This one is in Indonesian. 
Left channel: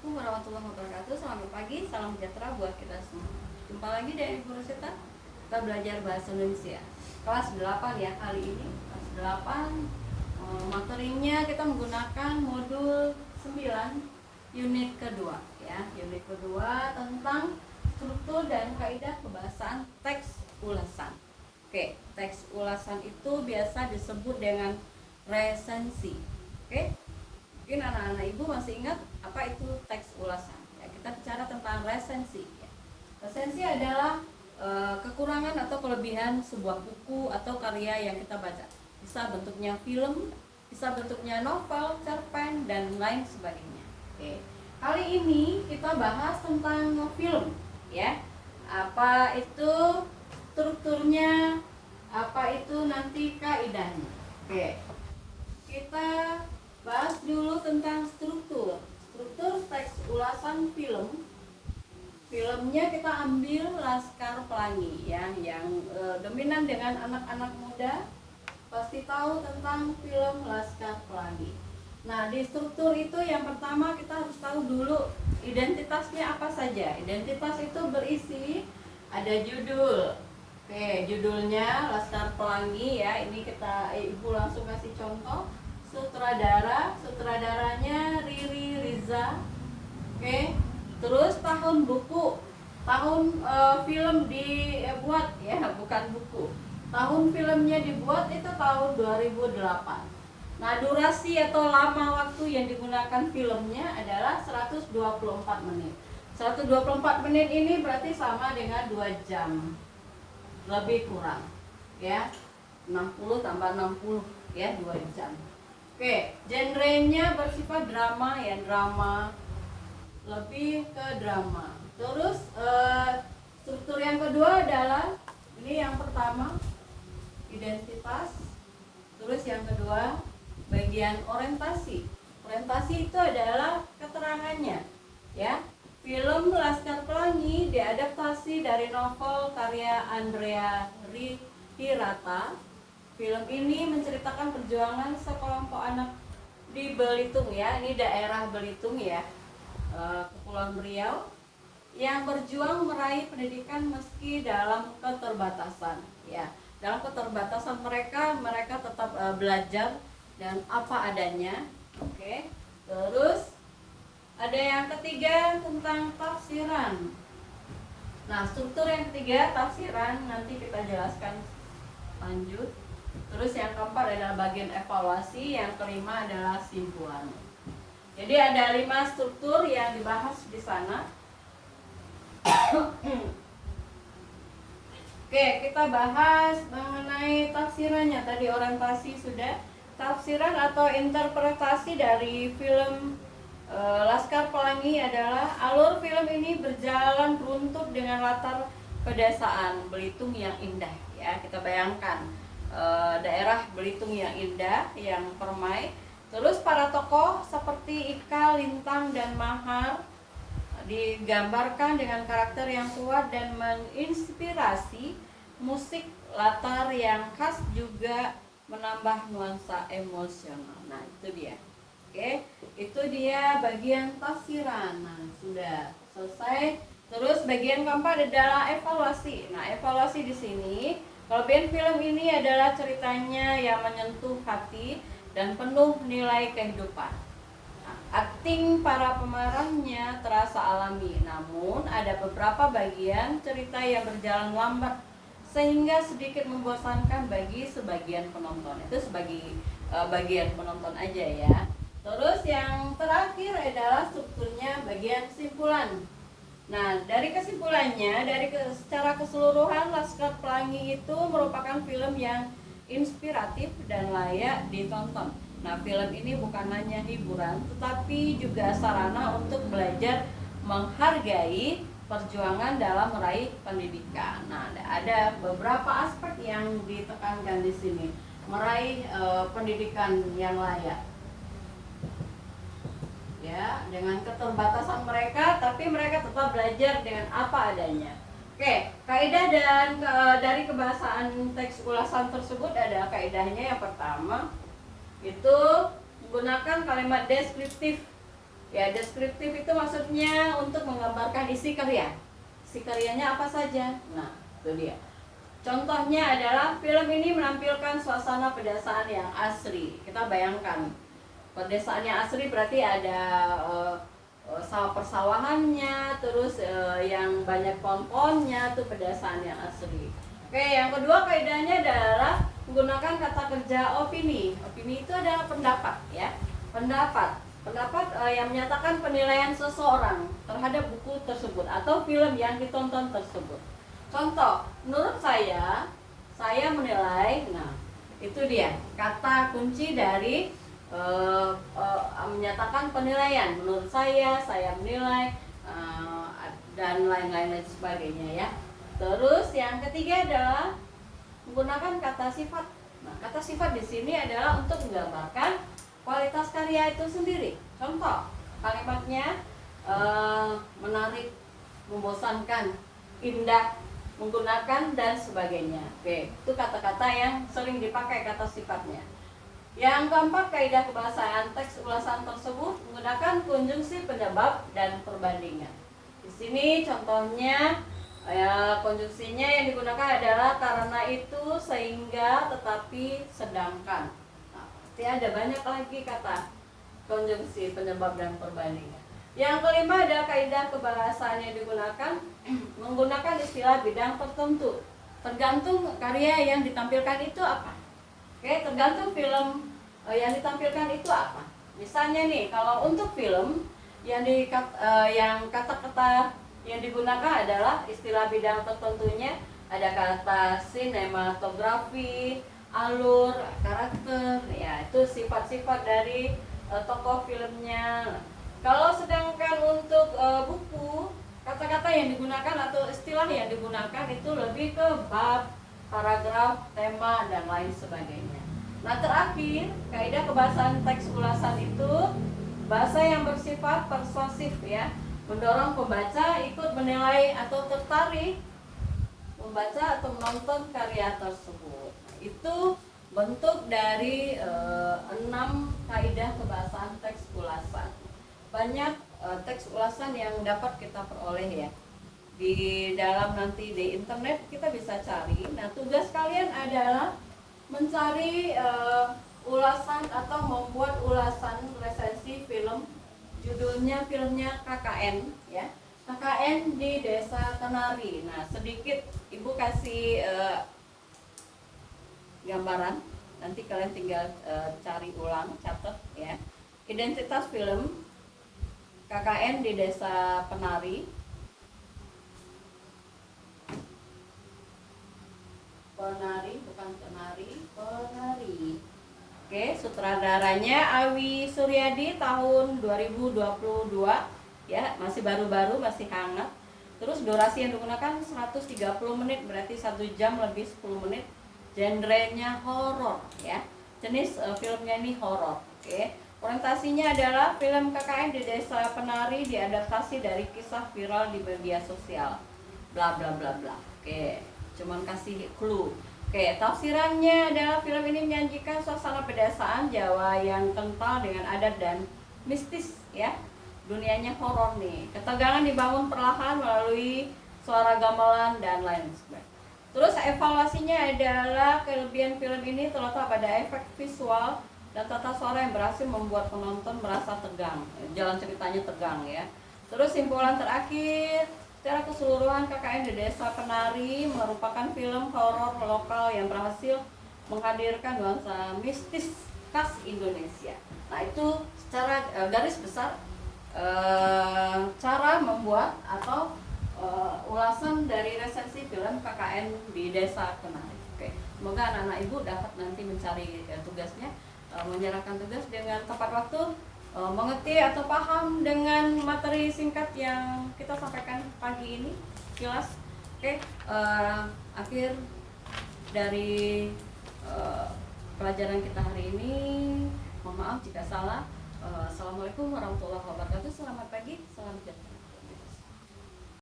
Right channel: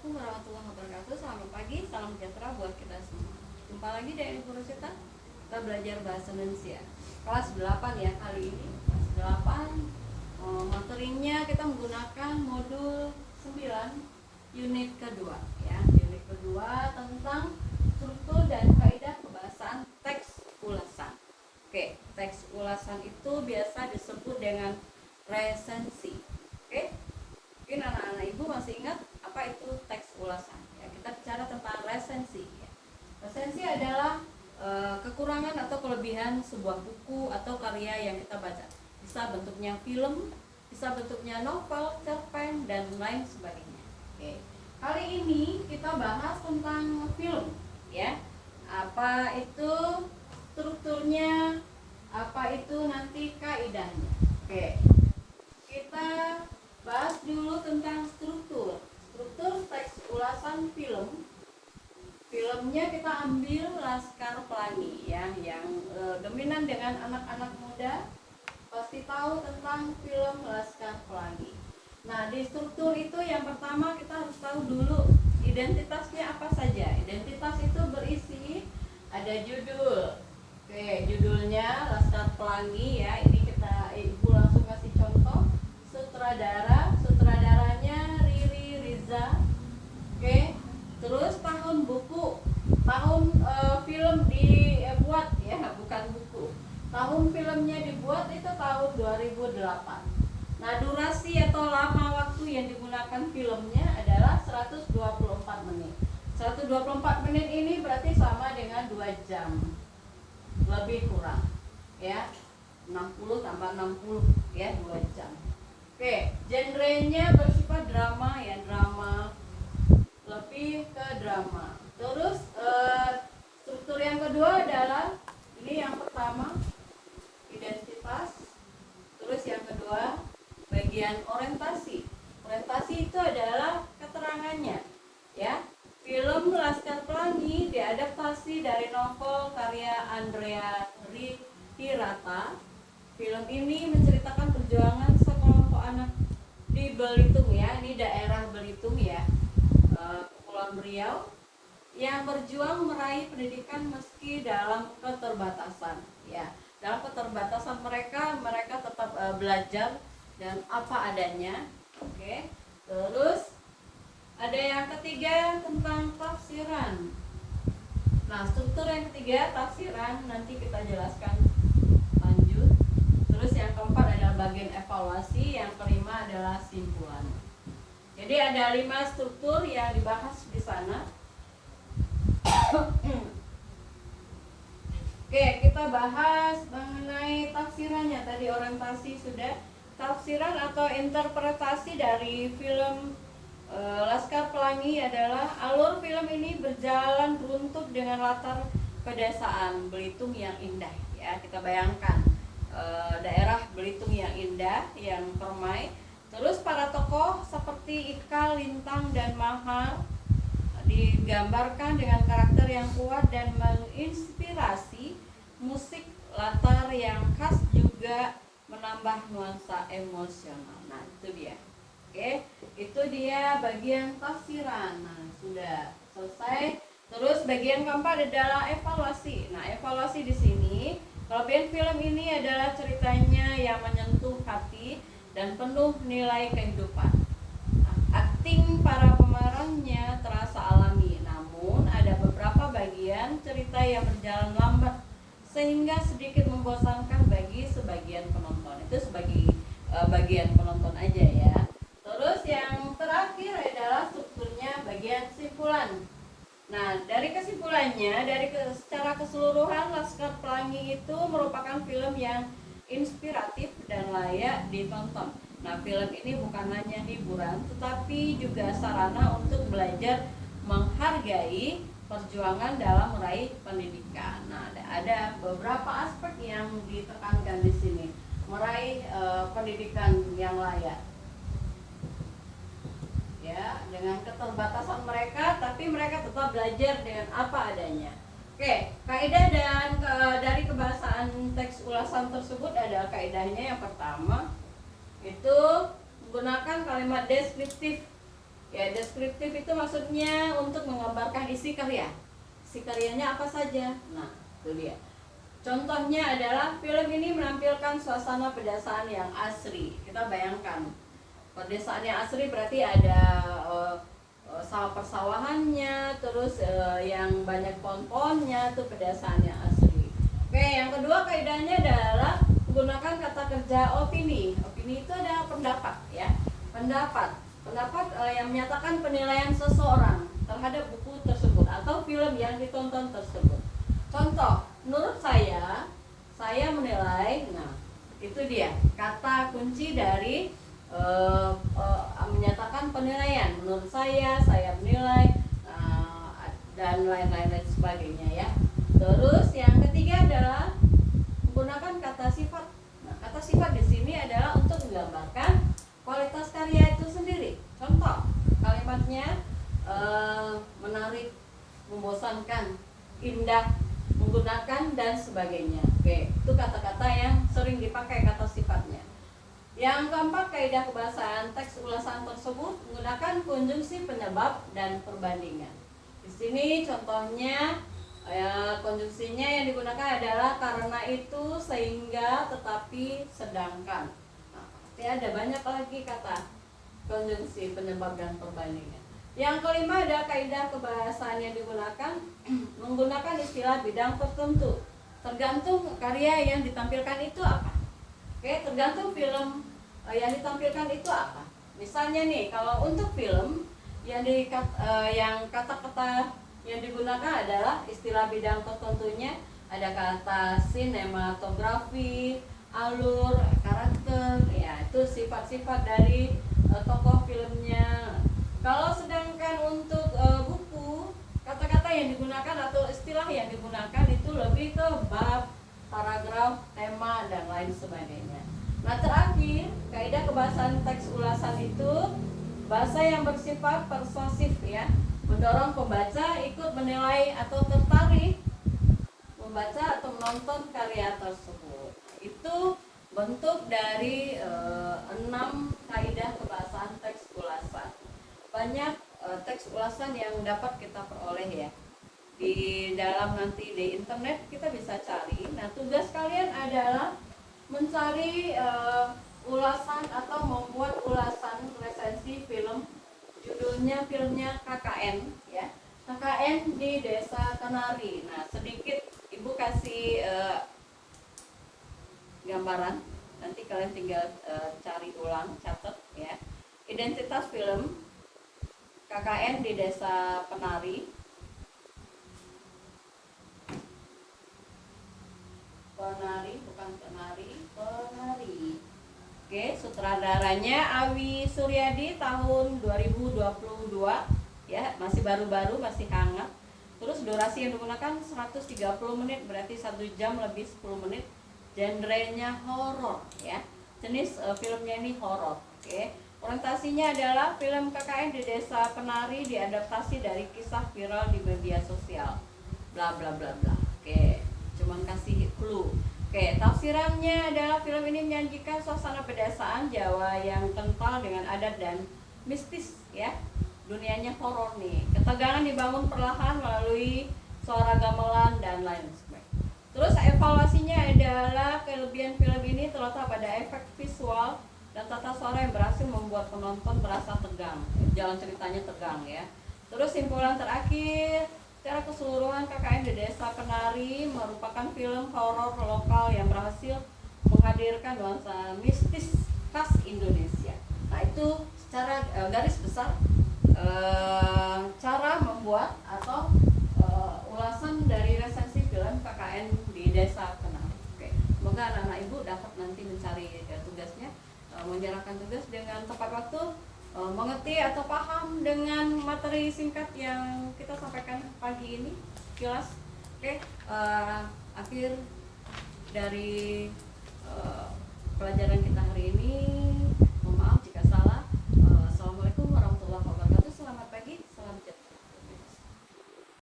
Assalamualaikum warahmatullahi wabarakatuh. Selamat pagi, salam sejahtera buat kita semua. Jumpa lagi dari Ibu Rosita. Kita belajar bahasa Indonesia kelas 8 ya kali ini. Kelas 8 materinya kita menggunakan modul 9 unit kedua ya. Unit kedua tentang struktur dan kaidah kebahasaan teks ulasan. Oke, teks ulasan itu biasa disebut dengan resensi. Oke. Mungkin anak-anak ibu masih ingat apa itu teks ulasan ya. Kita bicara tentang resensi ya. Resensi adalah kekurangan atau kelebihan sebuah buku atau karya yang kita baca. Bisa bentuknya film, bisa bentuknya novel, cerpen, dan lain sebagainya. Oke. Kali ini kita bahas tentang film ya. Apa itu strukturnya, apa itu nanti kaidahnya. Oke. Kita bahas dulu tentang struktur teks ulasan film. Filmnya kita ambil Laskar Pelangi ya, yang dominan dengan anak-anak muda pasti tahu tentang film Laskar Pelangi. Nah, di struktur itu yang pertama kita harus tahu dulu identitasnya apa saja. Identitas itu berisi ada judul. Oke, judulnya Laskar Pelangi ya. Ini ibu langsung kasih contoh. Sutradaranya Riri Riza. Oke. Terus tahun buku, tahun film dibuat ya, bukan buku. Tahun filmnya dibuat itu tahun 2008. Nah, durasi atau lama waktu yang digunakan filmnya adalah 124 menit. 124 menit ini berarti sama dengan 2 jam. Lebih kurang ya. 60 tambah 60 ya, 2 jam. Oke, genrenya bersifat drama ya, drama, lebih ke drama. Terus struktur yang kedua adalah ini yang pertama identitas. Terus yang kedua bagian orientasi. Orientasi itu adalah keterangannya ya. Film Laskar Pelangi diadaptasi dari novel karya Andrea Hirata. Film ini menceritakan perjuangan sekelompok anak di Belitung ya, ini daerah Belitung ya, Kepulauan Riau, yang berjuang meraih pendidikan meski dalam keterbatasan ya. Dalam keterbatasan mereka tetap belajar dan apa adanya. Oke. Terus ada yang ketiga tentang tafsiran. Nah, struktur yang ketiga tafsiran nanti kita jelaskan lanjut. Terus yang keempat adalah bagian evaluasi, yang kelima adalah simpulan. Jadi ada 5 struktur yang dibahas di sana. Oke, kita bahas mengenai tafsirannya. Tadi orientasi sudah. Tafsiran atau interpretasi dari film Laskar Pelangi adalah alur film ini berjalan runtut dengan latar pedesaan Belitung yang indah ya. Kita bayangkan daerah Belitung yang indah, yang permai. Terus para tokoh seperti Ika, Lintang, dan Mahar digambarkan dengan karakter yang kuat dan menginspirasi. Musik latar yang khas juga menambah nuansa emosional. Nah, itu dia. Oke, itu dia bagian tafsiran. Nah, sudah selesai. Terus bagian keempat adalah evaluasi. Nah, evaluasi di sini, kelebihan film ini adalah ceritanya yang menyentuh hati dan penuh nilai kehidupan. Nah, akting para pemerannya terasa alami, namun ada beberapa bagian cerita yang berjalan lambat sehingga sedikit membosankan bagi sebagian penonton. Itu sebagai bagian penonton aja ya. Terus yang terakhir adalah strukturnya bagian kesimpulan. Nah, dari kesimpulannya, secara keseluruhan Laskar Pelangi itu merupakan film yang inspiratif dan layak ditonton. Nah, film ini bukan hanya hiburan, tetapi juga sarana untuk belajar menghargai perjuangan dalam meraih pendidikan. Nah, ada beberapa aspek yang ditekankan di sini. Meraih pendidikan yang layak. Ya, dengan keterbatasan mereka, tapi mereka tetap belajar dengan apa adanya. Oke, kaidah dan dari kebahasaan teks ulasan tersebut ada kaidahnya. Yang pertama itu menggunakan kalimat deskriptif Ya, deskriptif itu maksudnya untuk menggambarkan isi karya. Isi karyanya apa saja? Nah, itu dia. Contohnya adalah film ini menampilkan suasana pedesaan yang asri. Kita bayangkan, pedesaan yang asri berarti ada sawah persawahannya, terus yang banyak pohon-pohonnya, itu pedesaan yang asri. Oke, yang kedua kaidahnya adalah menggunakan kata kerja opini. Opini itu adalah pendapat, ya. Pendapat yang menyatakan penilaian seseorang terhadap buku tersebut atau film yang ditonton tersebut. Contoh, menurut saya menilai. Nah, itu dia kata kunci dari menyatakan penilaian. Menurut saya menilai, dan lain-lain sebagainya, ya. Terus yang ketiga adalah menggunakan kata sifat. Nah, kata sifat di sini adalah untuk menggambarkan kualitas karya itu sendiri. Contoh, kalimatnya menarik, membosankan, indah, menggunakan, dan sebagainya. Oke, itu kata-kata yang sering dipakai kata sifatnya. Yang keempat, kaidah kebahasaan teks ulasan tersebut menggunakan konjungsi penyebab dan perbandingan. Di sini contohnya, konjungsinya yang digunakan adalah karena itu, sehingga, tetapi, sedangkan. Ada banyak lagi kata konjungsi penyebab dan perbandingan. Yang kelima ada kaidah kebahasaan yang digunakan menggunakan istilah bidang tertentu. Tergantung karya yang ditampilkan itu apa. Oke, tergantung film yang ditampilkan itu apa. Misalnya nih, kalau untuk film yang kata-kata yang digunakan adalah istilah bidang tertentunya, ada kata sinematografi, alur, karakter, ya itu sifat-sifat dari tokoh filmnya. Kalau sedangkan untuk buku, kata-kata yang digunakan atau istilah yang digunakan itu lebih ke bab, paragraf, tema, dan lain sebagainya. Nah, terakhir, kaidah kebahasaan teks ulasan itu bahasa yang bersifat persuasif, ya, mendorong pembaca ikut menilai atau tertarik membaca atau menonton karya tersebut. Itu bentuk dari 6 kaidah kebahasaan teks ulasan. Banyak teks ulasan yang dapat kita peroleh, ya. Di dalam nanti di internet kita bisa cari. Nah, tugas kalian adalah mencari ulasan atau membuat ulasan resensi film. Judulnya filmnya KKN, ya. KKN di Desa Kenari. Nah, sedikit Ibu kasih gambaran, nanti kalian tinggal cari ulang, catat, ya. Identitas film KKN di Desa Penari. Penari, bukan Penari, Penari. Oke, sutradaranya Awi Suryadi tahun 2022, ya, masih baru-baru, masih hangat. Terus durasi yang digunakan 130 menit, berarti 1 jam lebih 10 menit. Genrenya horor, ya. Jenis filmnya ini horor. Oke. Orientasinya adalah film KKN di Desa Penari diadaptasi dari kisah viral di media sosial. Bla bla bla bla. Oke. Cuman kasih clue. Oke, tafsirannya adalah film ini menyajikan suasana pedesaan Jawa yang kental dengan adat dan mistis, ya. Dunianya horor nih. Ketegangan dibangun perlahan melalui suara gamelan dan lain sebagainya. Terus evaluasinya adalah kelebihan film ini terletak pada efek visual dan tata suara yang berhasil membuat penonton merasa tegang. Jalan ceritanya tegang, ya. Terus simpulan terakhir, secara keseluruhan KKN di Desa Penari merupakan film horor lokal yang berhasil menghadirkan nuansa mistis khas Indonesia. Nah, itu secara garis besar cara membuat atau ulasan dari resensi film KKN di Desa Penari. Oke, semoga anak-anak Ibu dapat nanti mencari tugasnya, menyerahkan tugas dengan tepat waktu, mengerti atau paham dengan materi singkat yang kita sampaikan pagi ini, kilas. Oke, akhir dari pelajaran kita hari ini. Mohon maaf jika salah. Assalamualaikum warahmatullahi wabarakatuh.